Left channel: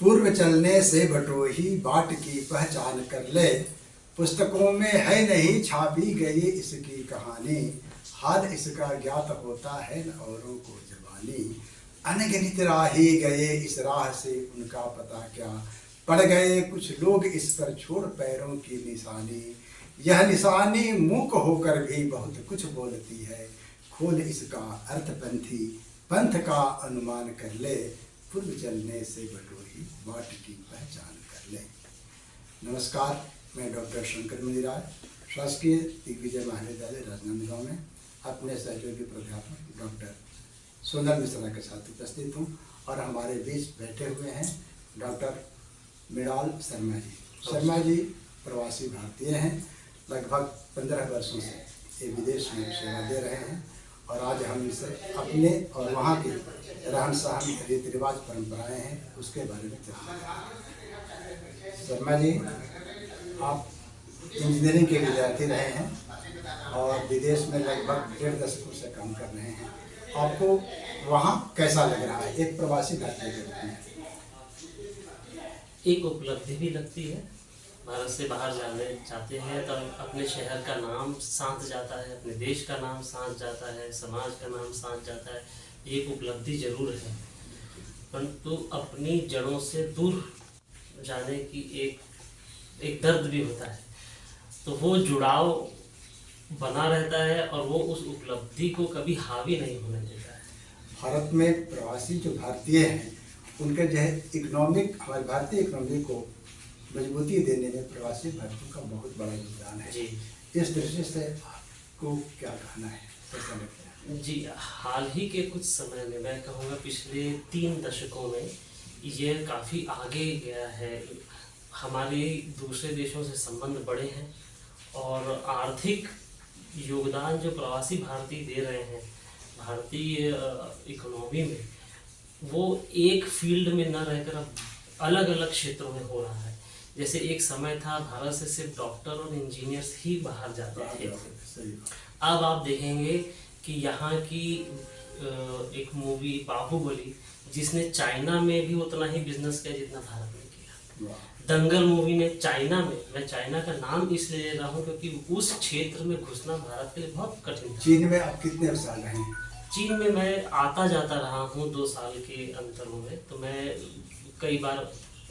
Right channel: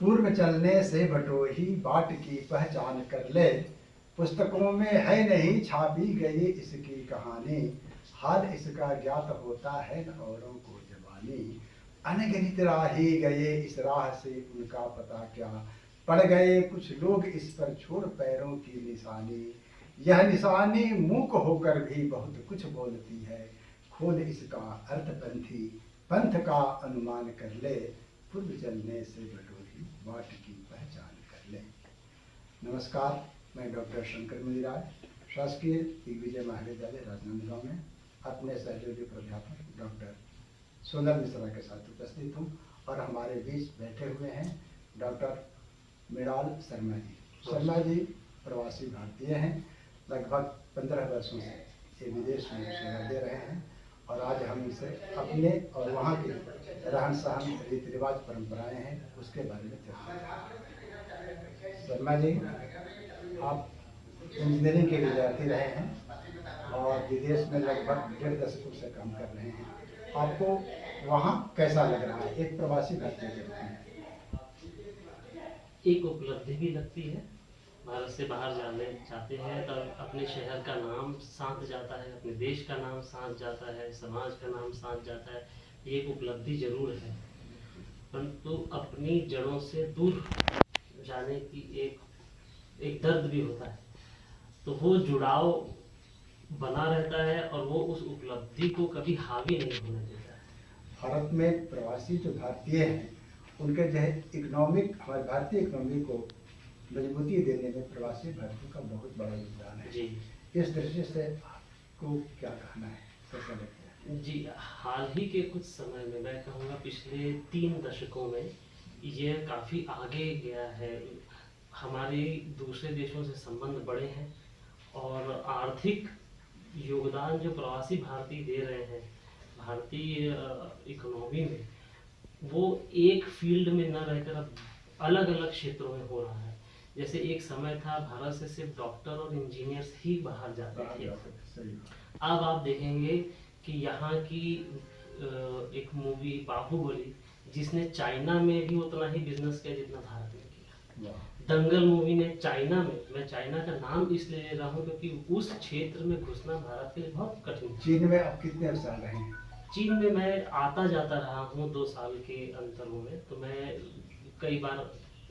पूर्व चलने से बटोही बाट की पहचान कर ले। पुस्तकों में है नहीं छापी गई इसकी कहानी, हाल इसका ज्ञात होता है न औरों को जबानी। अनगिनत राही गए इस राह से उनका पता क्या, पड़ गए कुछ लोग इस पर छोड़ पैरों की निशानी। यह निशानी मूक होकर भी बहुत कुछ बोलती है, खोल इसका अर्थ पंथी पंथ का अनुमान कर ले। पूर्व चलने से बटोही बाट की पहचान कर ले। नमस्कार, मैं डॉक्टर शंकर मुनिराय, शासकीय दिग्विजय महाविद्यालय राजनांदगांव में अपने सहयोगी प्राध्यापक डॉक्टर सोनल मिश्रा के साथ उपस्थित हूँ और हमारे बीच बैठे हुए हैं डॉक्टर मृणाल शर्मा जी। शर्मा जी प्रवासी भारतीय हैं, लगभग 15 वर्षों से ये विदेश में सेवा दे रहे हैं और आज हम इसे अपने और वहाँ के रहन सहन, रीति रिवाज, परंपराएं हैं उसके बारे में चर्चा करेंगे। शर्मा जी, आप इंजीनियरिंग के विद्यार्थी रहे हैं और विदेश में लगभग 1.5 दशकों से काम कर रहे हैं। आपको वहाँ कैसा लग रहा है एक प्रवासी भारतीय के रूप में? एक उपलब्धि भी लगती है। भारत से बाहर जाने चाहते हैं तो अपने शहर का नाम साथ जाता है, अपने देश का नाम साथ जाता है, समाज का नाम साथ जाता है। एक उपलब्धि जरूर है, परंतु अपनी जड़ों से दूर जाने की एक दर्द भी होता है। तो वो जुड़ाव बना रहता है और वो उस उपलब्धि को कभी हावी नहीं होने देता है। भारत में प्रवासी जो भारतीय हैं उनके जो है इकोनॉमिक, हमारे भारतीय इकोनॉमी को मजबूती देने में प्रवासी भारतीयों का बहुत बड़ा योगदान है जी। इस दृष्टि से आपको क्या कहना है, कैसा लगता है? जी, हाल ही के कुछ समय में, मैं कहूँगा पिछले 3 दशकों में ये काफ़ी आगे गया है। हमारे दूसरे देशों से संबंध बढ़े हैं और आर्थिक योगदान जो प्रवासी भारतीय दे रहे हैं भारतीय इकोनॉमी में, वो एक फील्ड में न रहकर अब अलग अलग क्षेत्रों में हो रहा है। जैसे एक समय था भारत से सिर्फ डॉक्टर और इंजीनियर्स ही बाहर जाते थे, अब आप देखेंगे कि यहाँ की एक मूवी बाहुबली, जिसने चाइना में भी उतना ही बिजनेस किया जितना भारत में किया। दंगल मूवी ने चाइना में, मैं चाइना का नाम इसलिए ले रहा हूँ क्योंकि उस क्षेत्र में घुसना भारत के लिए बहुत कठिन था। चीन में आप कितने साल रहे हैं? चीन में मैं आता जाता रहा हूँ 2 साल के अंतरों में। तो मैं कई बार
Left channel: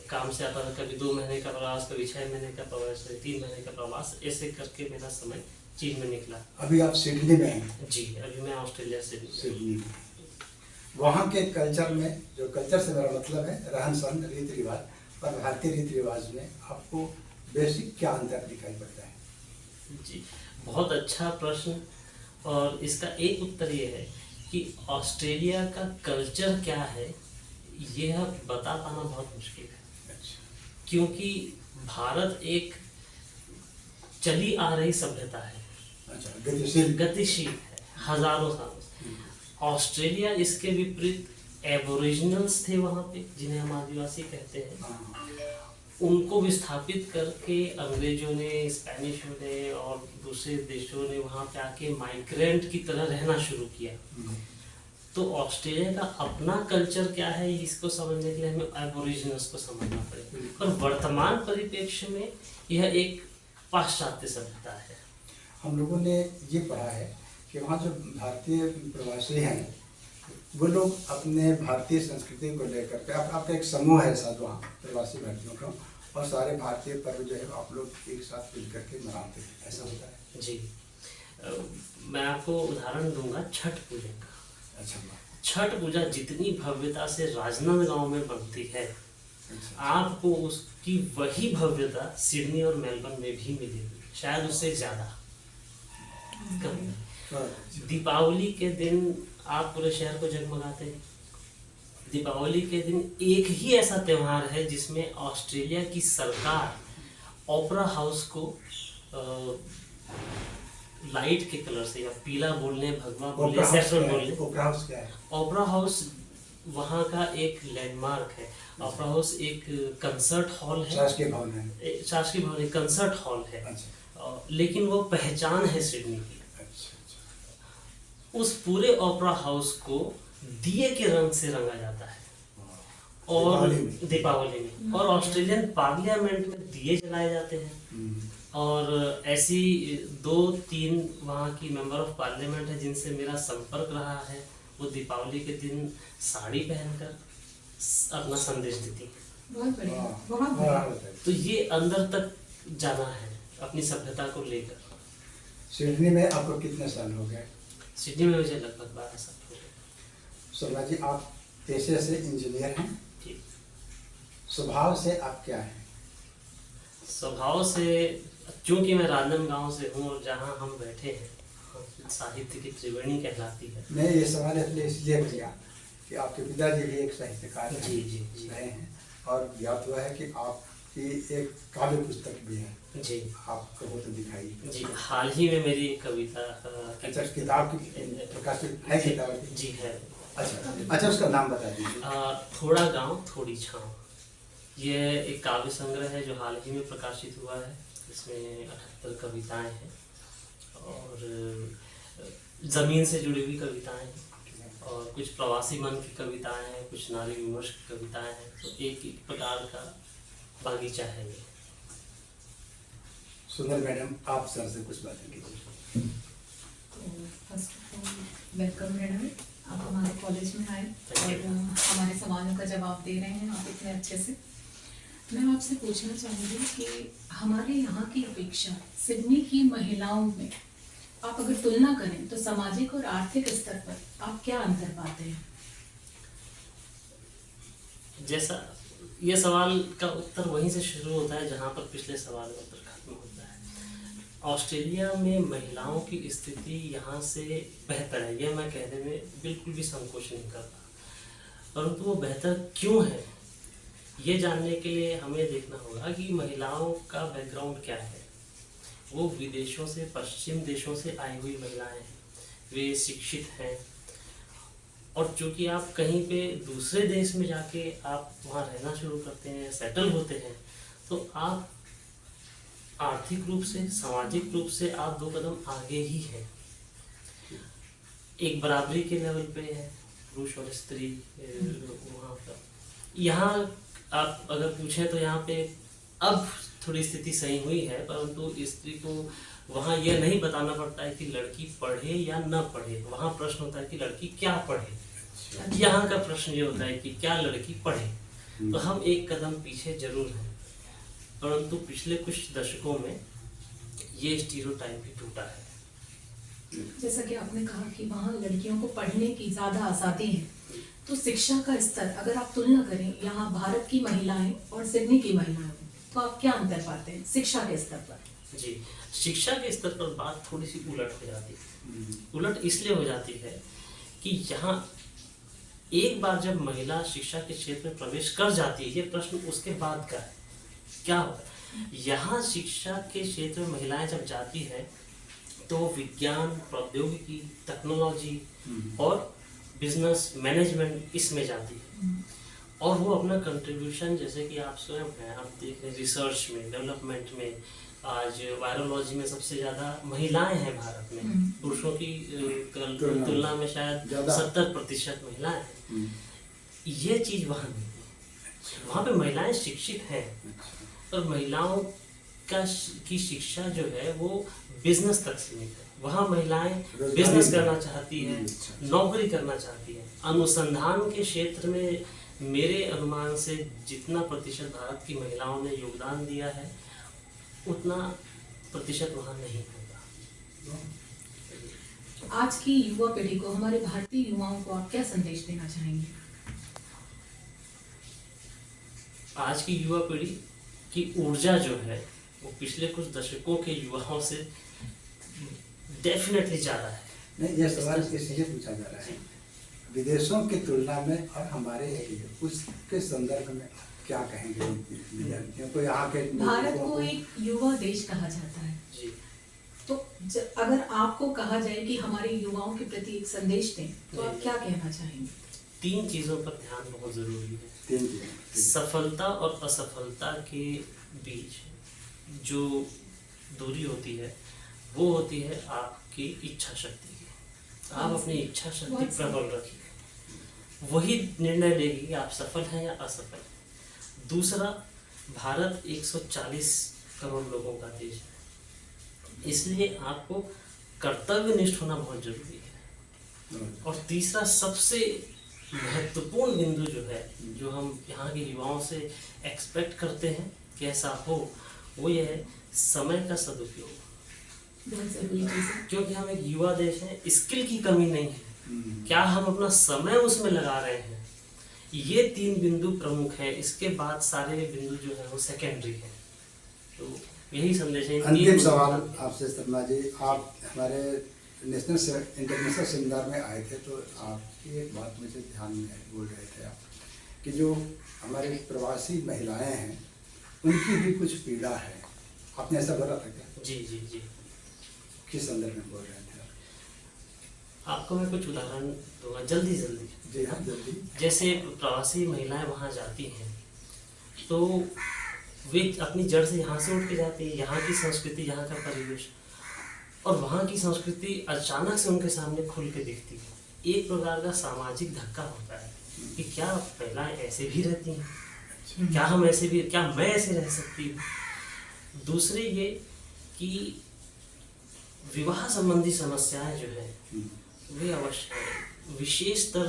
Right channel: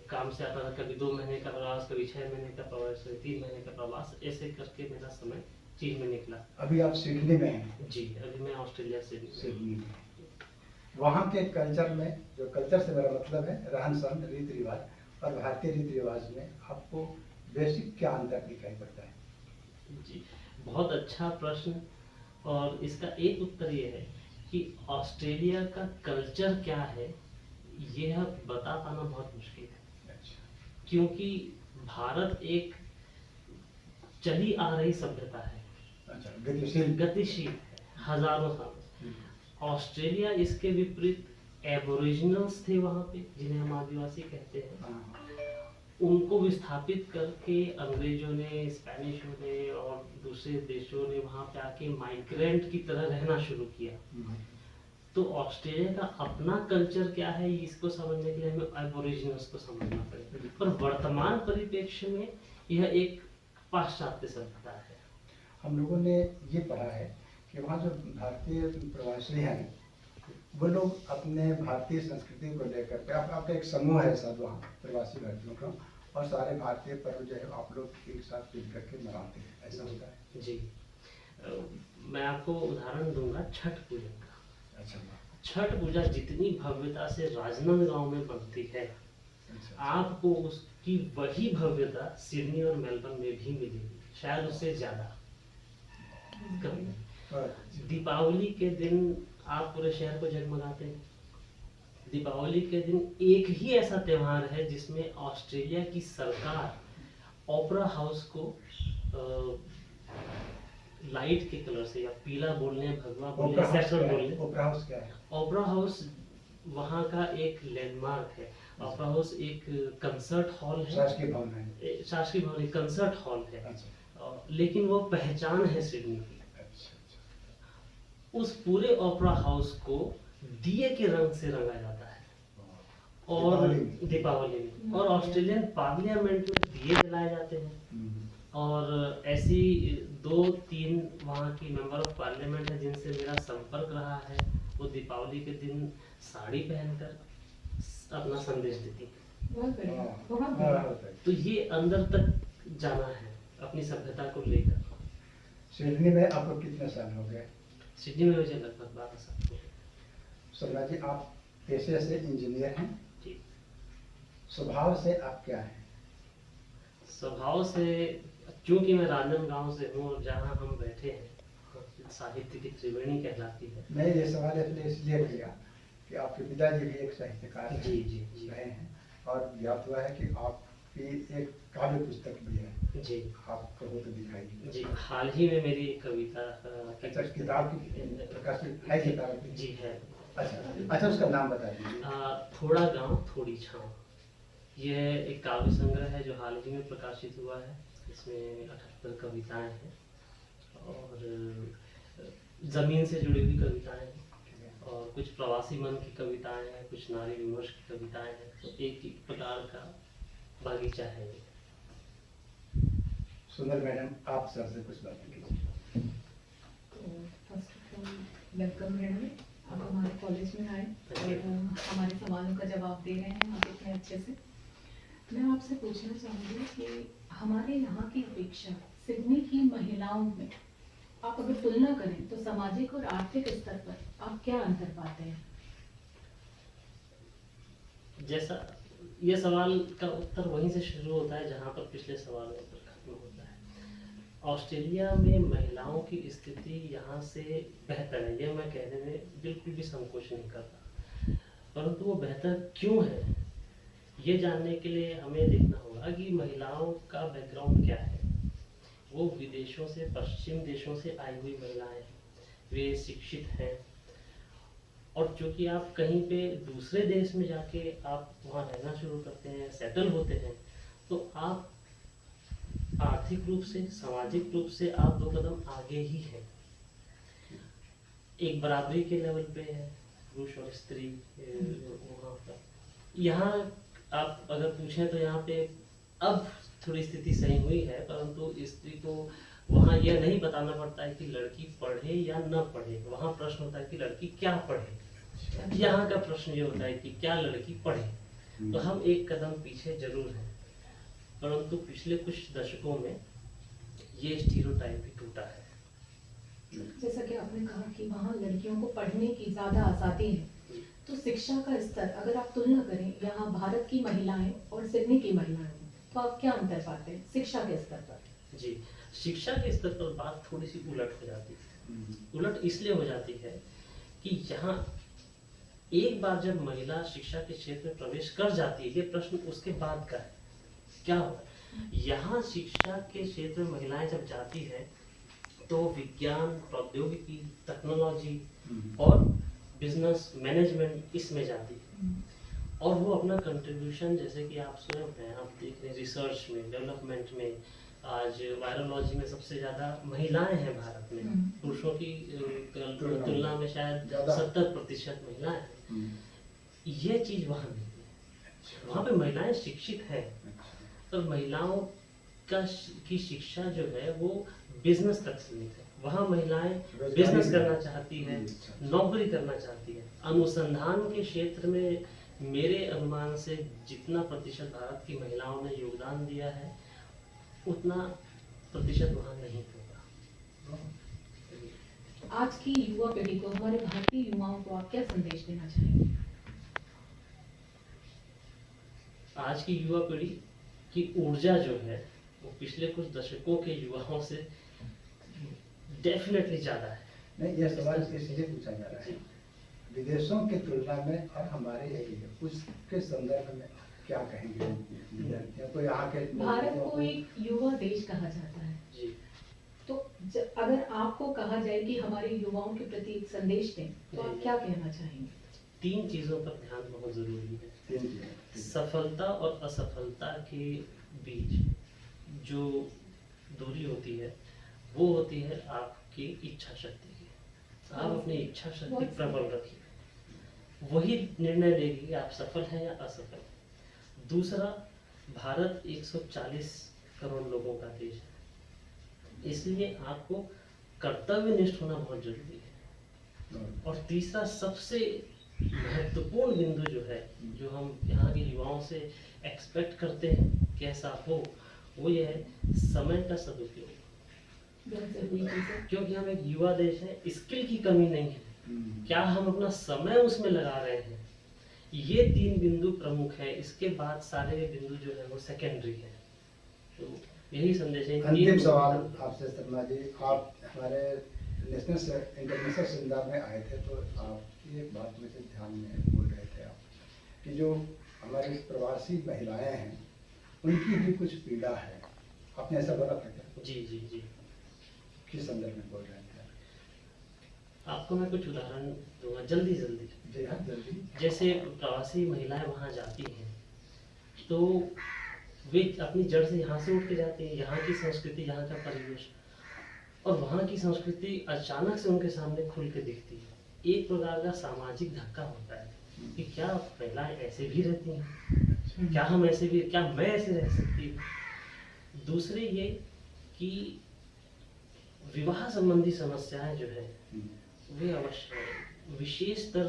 काम से आता था, कभी 2 महीने का प्रवास, कभी 6 महीने का प्रवास, 3 महीने का प्रवास, ऐसे करके मेरा समय चीन में निकला। अभी आप सिडनी में हैं? जी, अभी मैं ऑस्ट्रेलिया से सिडनी में। वहाँ के कल्चर में, जो कल्चर से मेरा मतलब है रहन सहन, रीति रिवाज और भारतीय रीति रिवाज में आपको बेसिक क्या अंतर दिखाई पड़ता है? जी, बहुत अच्छा प्रश्न। और इसका एक उत्तर ये है कि ऑस्ट्रेलिया का कल्चर क्या है यह बता पाना बहुत मुश्किल है। क्योंकि भारत एक चली आ रही सभ्यता है, गतिशील है हजारों सालों से। ऑस्ट्रेलिया इसके विपरीत एबोरिजिनल्स थे वहाँ पे, जिन्हें हम आदिवासी कहते हैं, उनको विस्थापित करके अंग्रेजों ने, स्पेनिशों ने और दूसरे देशों ने वहाँ पे आके माइग्रेंट की तरह रहना शुरू किया। तो ऑस्ट्रेलिया का अपना कल्चर क्या है इसको समझने के लिए हमें एबोरिजिनल्स को समझना पड़ेगा। और वर्तमान परिप्रेक्ष्य में यह एक पाश्चात्य सभ्यता है। हम लोगों ने ये पढ़ा है कि वहाँ जो भारतीय प्रवासी हैं वो लोग अपने भारतीय संस्कृति को लेकर के, आपका एक समूह है साथ वहाँ प्रवासी भारतीयों का, और सारे भारतीय पर्व जो है आप लोग एक साथ मिल करके मनाते हैं, ऐसा होता है? जी, मैं आपको उदाहरण दूंगा छठ पूजा का। अच्छा। छठ पूजा जितनी भव्यता से राजनांदगांव में बनती है, आपको उसकी वही भव्यता सिडनी और मेलबर्न में भी मिलेगी, शायद उससे ज़्यादा कम। दीपावली के दिन आप पूरे शहर को जगमगाते हैं। दीपावली के दिन एक ही ऐसा त्यौहार है जिसमें ऑस्ट्रेलिया की सरकार ओपेरा हाउस को लाइट के कलर से, या पीला बोलने, भगवा बोलने, सैफरन बोलने। ओपेरा हाउस क्या है? ओपेरा हाउस वहाँ का एक लैंडमार्क है। ओपेरा हाउस एक कंसर्ट हॉल है, शासकीय भवन है, शासकीय भवन, एक कंसर्ट हॉल है। अच्छा। लेकिन वो पहचान है सिडनी की। उस पूरे ओपेरा हाउस को दिए के रंग से रंगा जाता है और दीपावली में और ऑस्ट्रेलियन पार्लियामेंट में दिए जलाए जाते हैं। और ऐसी 2-3 वहाँ की मेंबर ऑफ पार्लियामेंट है जिनसे मेरा संपर्क रहा है, वो दीपावली के दिन साड़ी पहनकर अपना संदेश देती है। बहुत बढ़िया, बहुत बढ़िया। तो ये अंदर तक जाना है अपनी सभ्यता को लेकर। सिडनी में आपको कितने साल हो गए? सिडनी में मुझे लगभग 12 साल हो गए। शोभा जी, आप पेशे से इंजीनियर हैं, ठीक। स्वभाव से आप क्या हैं? स्वभाव से, चूंकि मैं राजनांदगांव से हूँ और जहाँ हम बैठे हैं साहित्य की त्रिवेणी कहलाती है। मैं ये सवाल इसलिए किया कि आपके पिताजी भी एक साहित्यकार हैं, जी रहे हैं, और ज्ञात हुआ है कि आपकी एक काव्य पुस्तक भी है जी आपको तो दिखाई। जी, हाल ही में मेरी एक कविता अच्छा, किताब की प्रकाशित है किताब? जी है। अच्छा, उसका नाम बता दीजिए। थोड़ा गांव थोड़ी छाँव, ये एक काव्य संग्रह है जो हाल ही में प्रकाशित हुआ है। इसमें 78 कविताएं हैं और ज़मीन से जुड़ी हुई कविताएं हैं और कुछ प्रवासी मन की कविताएं हैं, कुछ नारी विमर्श की कविताएं हैं। तो एक एक प्रकार का बागीचा है ये। सुंदर मैडम, आप सर से कुछ बातें कीजिए। तो first of all welcome madam, आप हमारे कॉलेज में आए और हमारे सवालों का जवाब दे रहे हैं आप इतने अच्छे से। मैं आपसे पूछना चाहूँगी कि हमारे यहाँ की अपेक्षा सिडनी की महिलाओं में आप अगर तुलना करें तो सामाजिक और आर्थिक स्तर पर आप क्या अंतर पाते हैं? जैसा ये सवाल का उत्तर वहीं से शुरू होता है जहाँ पर पिछले सवाल का उत्तर खत्म होता है। ऑस्ट्रेलिया में महिलाओं की स्थिति यहाँ से बेहतर है, यह मैं कहने में बिल्कुल भी संकोच नहीं करता। परंतु वो बेहतर क्यों है, ये जानने के लिए हमें देखना होगा कि महिलाओं का बैकग्राउंड क्या है। वो विदेशों से, पश्चिम देशों से आई हुई महिलाएं हैं, वे शिक्षित हैं और चूँकि आप कहीं पे दूसरे देश में जाके आप वहाँ रहना शुरू करते हैं, सेटल होते हैं, तो आप आर्थिक रूप से, सामाजिक रूप से आप 2 कदम आगे ही हैं। एक बराबरी के लेवल पे है पुरुष और स्त्री वहाँ पर। यहाँ आप अगर पूछें तो यहाँ पे अब थोड़ी स्थिति सही हुई है, परंतु स्त्री को वहाँ यह नहीं बताना पड़ता है कि लड़की पढ़े या न पढ़े। वहाँ प्रश्न होता है कि लड़की क्या पढ़े। यहाँ का प्रश्न ये होता है कि क्या लड़की पढ़े। तो हम एक कदम पीछे जरूर हैं, परंतु पिछले कुछ दशकों में ये स्टीरियोटाइप भी टूटा है। जैसा कि आपने कहा कि वहाँ लड़कियों को पढ़ने की ज़्यादा आज़ादी है, तो शिक्षा का स्तर अगर आप तुलना करें यहाँ भारत की महिलाएं और सिडनी की महिलाएं, तो आप क्या अंतर पाते हैं शिक्षा के स्तर पर? जी, शिक्षा के स्तर पर बात थोड़ी सी उलट हो जाती है। उलट इसलिए हो जाती है कि यहाँ एक बार जब महिला शिक्षा के क्षेत्र में प्रवेश कर जाती है, ये प्रश्न उसके बाद का है, क्या होगा। यहाँ शिक्षा के क्षेत्र में महिलाएं जब जाती है तो विज्ञान, प्रौद्योगिकी, टेक्नोलॉजी और बिजनेस मैनेजमेंट इसमें जाती है और वो अपना कंट्रीब्यूशन, जैसे कि आप स्वयं हैं, आप देख रहे हैं रिसर्च में, डेवलपमेंट में। आज वायरोलॉजी में सबसे ज़्यादा महिलाएं हैं भारत में, पुरुषों की तुलना में शायद 70% महिलाएं हैं। ये चीज़ वहाँ नहीं है। वहाँ पे महिलाएं शिक्षित हैं, पर महिलाओं की शिक्षा जो है वो बिजनेस तक सीमित है। वहाँ महिलाएं बिजनेस करना चाहती हैं, नौकरी करना चाहती हैं। अनुसंधान के क्षेत्र में मेरे अनुमान से जितना प्रतिशत भारत की महिलाओं ने योगदान दिया है, उतना प्रतिशत वहाँ नहीं होगा। आज की युवा पीढ़ी को, हमारे भारतीय युवाओं को आप क्या संदेश देना चाहेंगे? आज की युवा पीढ़ी की ऊर्जा जो है वो पिछले कुछ दशकों के युवाओं से डेफिनेटली ज़्यादा है। नहीं, ये सवाल इसलिए पूछा जा रहा है, विदेशों की तुलना में और हमारे लिए उसके संदर्भ में क्या कहेंगे विद्यार्थियों को? यहाँ के भारत को एक युवा देश कहा जाता है जी। तो अगर आपको कहा जाए कि हमारे युवाओं के प्रति एक संदेश दें, तो आप क्या कहना चाहेंगे? 3 चीज़ों पर ध्यान बहुत ज़रूरी है। 3 चीज़ें। सफलता और असफलता के बीच जो दूरी होती है वो होती है आपकी इच्छा शक्ति की। आप अपनी इच्छा शक्ति प्रबल रखिए। वही निर्णय लेगी कि आप सफल हैं या असफल। दूसरा, भारत 140 करोड़ लोगों का देश है, इसलिए आपको कर्तव्यनिष्ठ होना बहुत जरूरी है। और तीसरा सबसे महत्वपूर्ण बिंदु जो है, जो हम यहाँ के युवाओं से एक्सपेक्ट करते हैं कि ऐसा हो, वो ये है समय का सदुपयोग। बहुत ज़रूरी चीज़ है। क्योंकि हम एक युवा देश है, स्किल की कमी नहीं है, क्या हम अपना समय उसमें लगा रहे हैं, ये 3 बिंदु प्रमुख है। इसके बाद सारे बिंदु जो है वो सेकेंडरी है। तो यही संदेश है। अंतिम सवाल आपसे शर्मा जी, आप हमारे नेशनल इंटरनेशनल सेमिनार में आए थे, तो आपकी एक बात मुझे ध्यान में बोल रहे थे आप कि जो हमारी प्रवासी महिलाएं हैं उनकी भी कुछ पीड़ा है, आपने ऐसा बोला था क्या? जी जी जी। किस संदर्भ में बोल रहे थे आप? आपको मैं कुछ उदाहरण दूंगा जल्दी। जी हाँ, जल्दी। जैसे प्रवासी महिलाएं वहाँ जाती हैं तो वे अपनी जड़ से यहाँ से उठ के जाती है, यहाँ की संस्कृति, यहाँ का परिवेश और वहाँ की संस्कृति अचानक से उनके सामने खुल के दिखती है। एक प्रकार का सामाजिक धक्का होता है कि क्या महिलाएं ऐसे भी रहती हैं, क्या हम ऐसे भी, क्या मैं ऐसे रह सकती हूँ। दूसरे ये कि विवाह संबंधी समस्याएं जो है वे अवश्य है। विशेषतर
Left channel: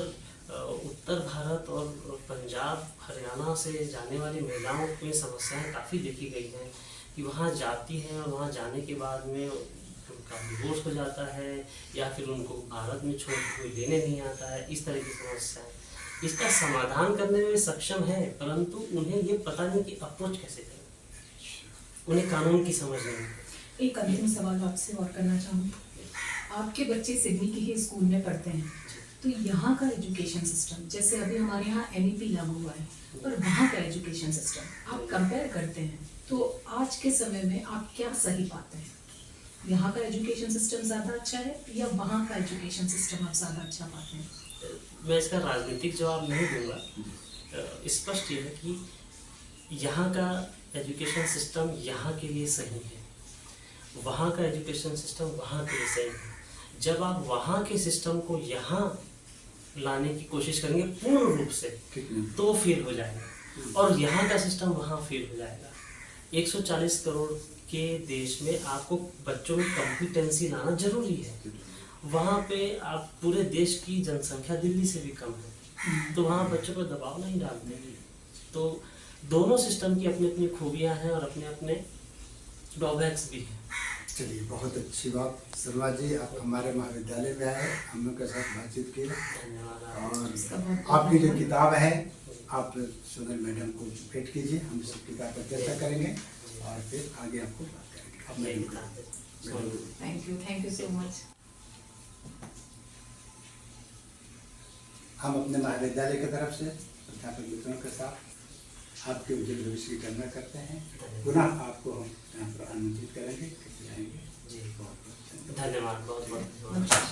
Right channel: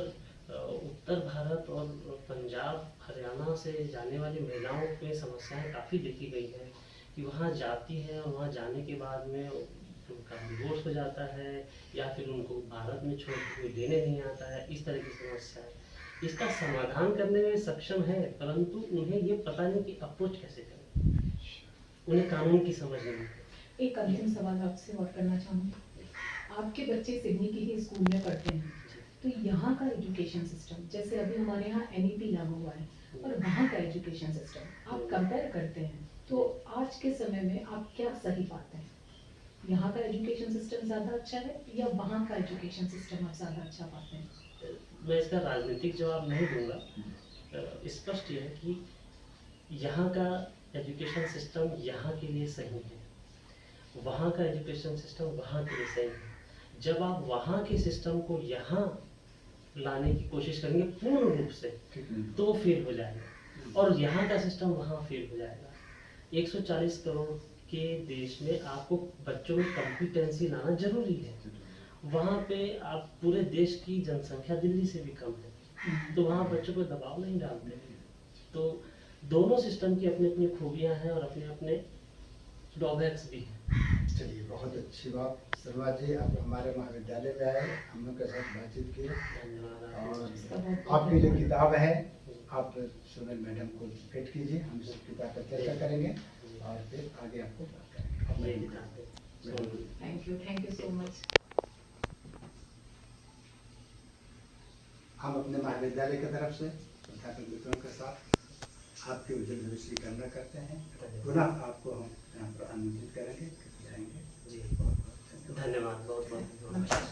उत्तर भारत और पंजाब हरियाणा से जाने वाली महिलाओं में समस्याएं काफ़ी देखी गई हैं कि वहाँ जाती हैं और वहाँ जाने के बाद में उनका डिवोर्स हो जाता है या फिर उनको भारत में छोड़ के कोई लेने नहीं आता है। इस तरह की समस्या है। इसका समाधान करने में सक्षम है, परंतु उन्हें ये पता नहीं कि अप्रोच कैसे करें, उन्हें कानून की समझ नहीं। एक अंतिम सवाल आपसे और करना चाहूँगी। आपके बच्चे सिडनी के ही स्कूल में पढ़ते हैं, तो यहाँ का एजुकेशन सिस्टम, जैसे अभी हमारे यहाँ NEP लागू हुआ है और वहाँ का एजुकेशन सिस्टम आप कंपेयर करते हैं, तो आज के समय में आप क्या सही पाते हैं? यहाँ का एजुकेशन सिस्टम ज़्यादा अच्छा है या वहाँ का एजुकेशन सिस्टम आप ज़्यादा अच्छा पाते हैं? मैं इसका राजनीतिक जवाब नहीं दूंगा। स्पष्ट ये है कि यहाँ का एजुकेशन सिस्टम यहाँ के लिए सही है, वहाँ का एजुकेशन सिस्टम वहाँ के लिए सही है। जब आप वहाँ के सिस्टम को यहाँ लाने की कोशिश करेंगे पूर्ण रूप से तो वो फेल हो जाएगा और यहाँ का सिस्टम वहाँ फेल हो जाएगा। 140 करोड़ के देश में आपको बच्चों में कॉम्पिटेंसी लाना जरूरी है। वहाँ पे आप पूरे देश की जनसंख्या दिल्ली से भी कम है, तो वहाँ बच्चों पर दबाव नहीं डालते हैं। तो दोनों सिस्टम की अपनी अपनी खूबियाँ हैं और अपने अपने ड्रॉबैक्स भी हैं। चलिए, बहुत अच्छी बात। शर्मा जी, आप हमारे महाविद्यालय में आए, हम लोग के साथ बातचीत किए और आपकी जो किताब है आप सोनल मैडम को भेंट कीजिए, हम इस किताब पर चर्चा करेंगे और फिर आगे आपको बात करेंगे। Thank you so much. हम अपने महाविद्यालय की तरफ से अध्यापक मित्रों के साथ आपके उज्जवल भविष्य की कामना करते हैं। पुनः आपको हम यहाँ पर आमंत्रित करेंगे, आएंगे। जी, धन्यवाद, बहुत बहुत धन्यवाद।